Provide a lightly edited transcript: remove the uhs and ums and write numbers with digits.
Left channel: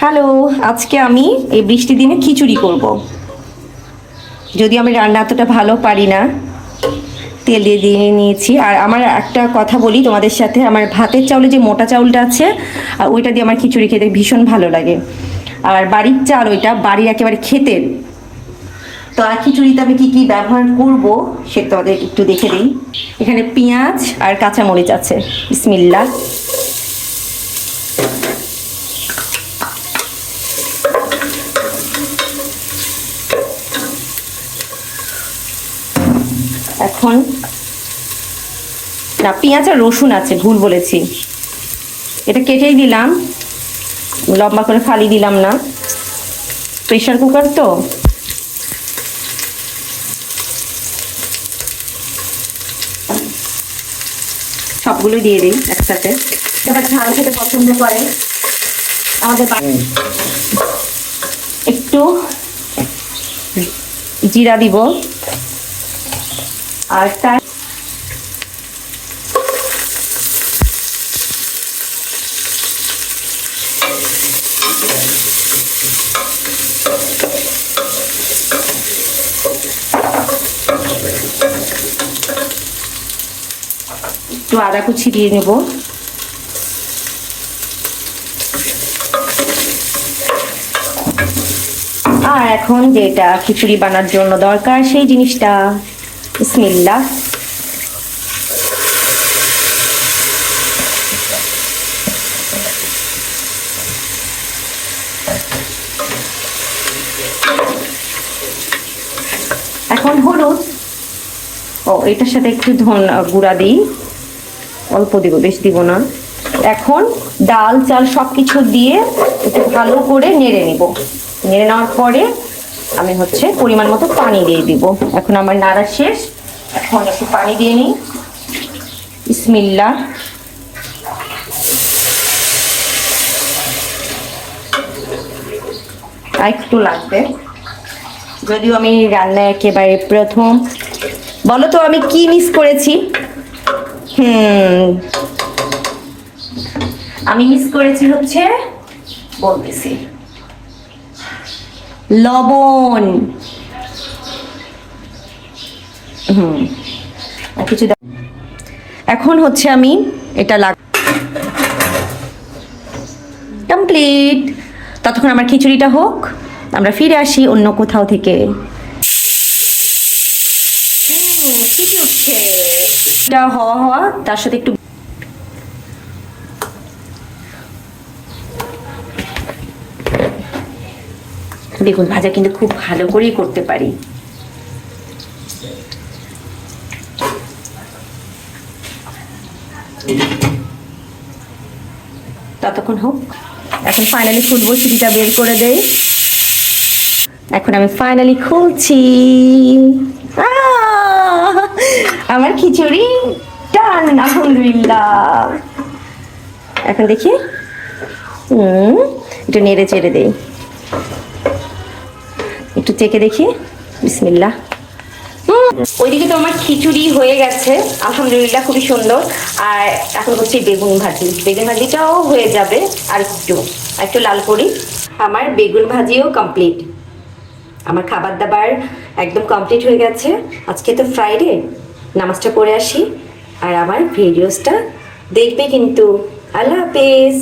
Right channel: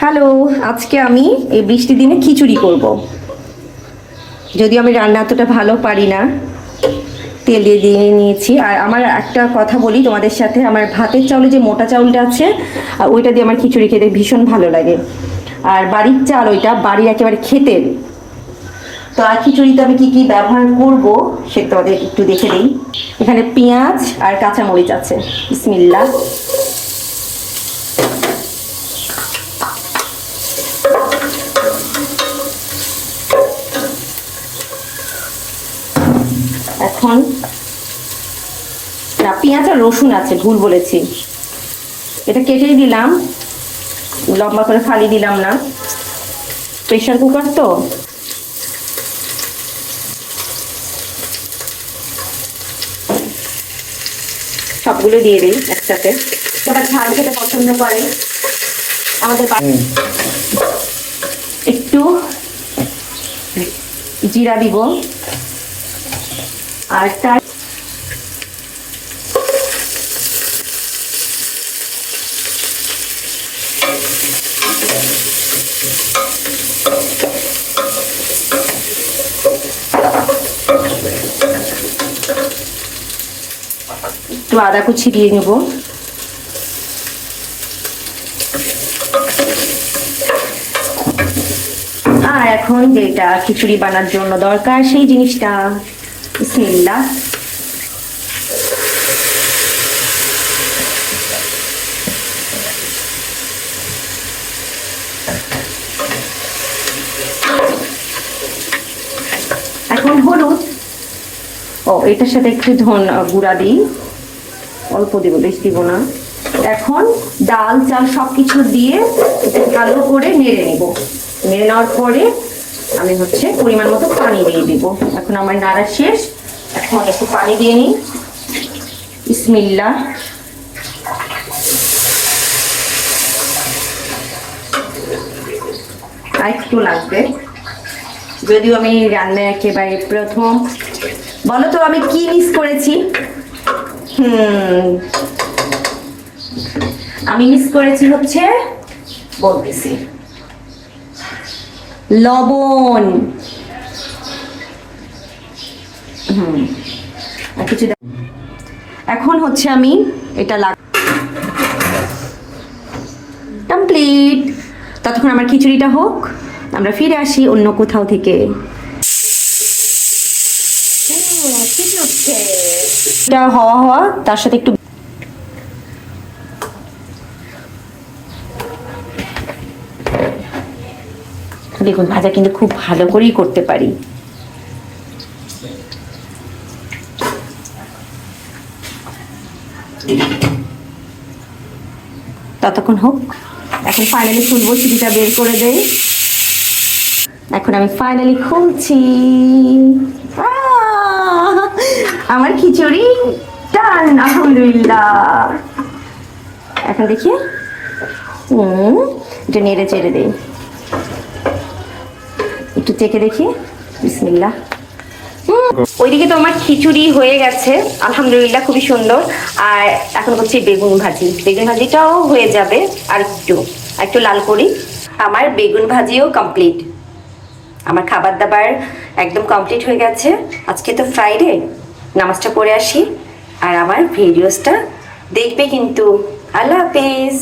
Hello, আজকে আমি এই বৃষ্টির দিনে খিচুড়ি করব। যদিও আমি রান্না এতটা ভালো পারি না, তেল দিয়ে নিয়েছি। আর আমার একটা কথা বলি তোমাদের সাথে, আমার ভাতের চাউলে যে মোটা চাউলটা আছে আর ওইটা দিয়ে আমার খিচুড়ি খেতে ভীষণ ভালো লাগে। আর বাড়ির চাল, ওইটা বাড়ির একেবারে ক্ষেতের। তো আর খিচুড়িতে আমি কি কি ব্যবহার করব সেটা তোমাদের একটু দেখে দিই। এখানে পেঁয়াজ আর কাঁচামরিচ আছে। বিসমিল্লাহ। এখন না, পেঁয়াজ আর রসুন আছে, ভুল বলেছি। এটা কেটেই দিলাম, লম্বা করে ফালি দিলাম না, প্রেশার কুকার তো। সবগুলো দিয়ে দিই একসাথে। এবার ঝাল খেতে পছন্দ করে আমাদের একটু জিরা দিব, আর তার একটু আদা কুচি দিয়ে নেব। আর এখন যেটা খিচুড়ি বানার জন্য দরকার সেই জিনিসটা, বিসমিল্লাহ। এখন হলুদ, এটার সাথে একটু গুঁড়া দিই, অল্প দিব, বেশি দিব না। এখন ডাল চাল সবকিছু দিয়ে ভালো করে নেড়ে নিব। নেড়ে নেওয়ার পরে আমি পরিমাণ মতো পানি দিয়ে দিব। এখন আমার নাড়া শেষ, এখন একটু পানি দিয়ে নিই। বিসমিল্লাহ। আর একটু লাগবে, যদিও আমি রান্না একেবারে প্রথম। বলো তো আমি কি মিস করেছি? আমি মিস করেছি বলতেছি, লবণ। কিছু এখন আমি এটা কমপ্লিট। ততক্ষণ আমার খিচুড়িটা হোক, আমরা ফিরে আসি অন্য কোথাও থেকে। হওয়া তার সাথে একটু বেগুন ভাজা কিন্তু খুব ভালো করেই করতে পারি। ততক্ষণ হোক, এখন ফাইনালি খুলবো, সিটিটা বের করে দেই। এখন আমি ফাইনালি খুলছি। আমার খিচুড়ি ডান, আলহামদুলিল্লাহ। এখন দেখি, একটু নেড়ে চেড়ে দেই, একটু চেখে দেখি। বিসমিল্লাহ। ওইদিকে তো আমার খিচুড়ি হয়ে গেছে, আলহামদুলিল্লাহ, খুবই সুন্দর। আর এখন বেগুন ভাজি, বেগুন ভাজিটাও হয়ে যাবে। আর একটু লাল করি। আমার বেগুন ভাজিও কমপ্লিট, আমার খাবার দাবার একদম কমপ্লিট হয়ে গেছে। আজকে তো ফ্রাইডে, নামাজটা পড়ে আসি। আর আমার ভিডিওসটা দেখবে কিন্তু। আল্লাহ হাফেজ।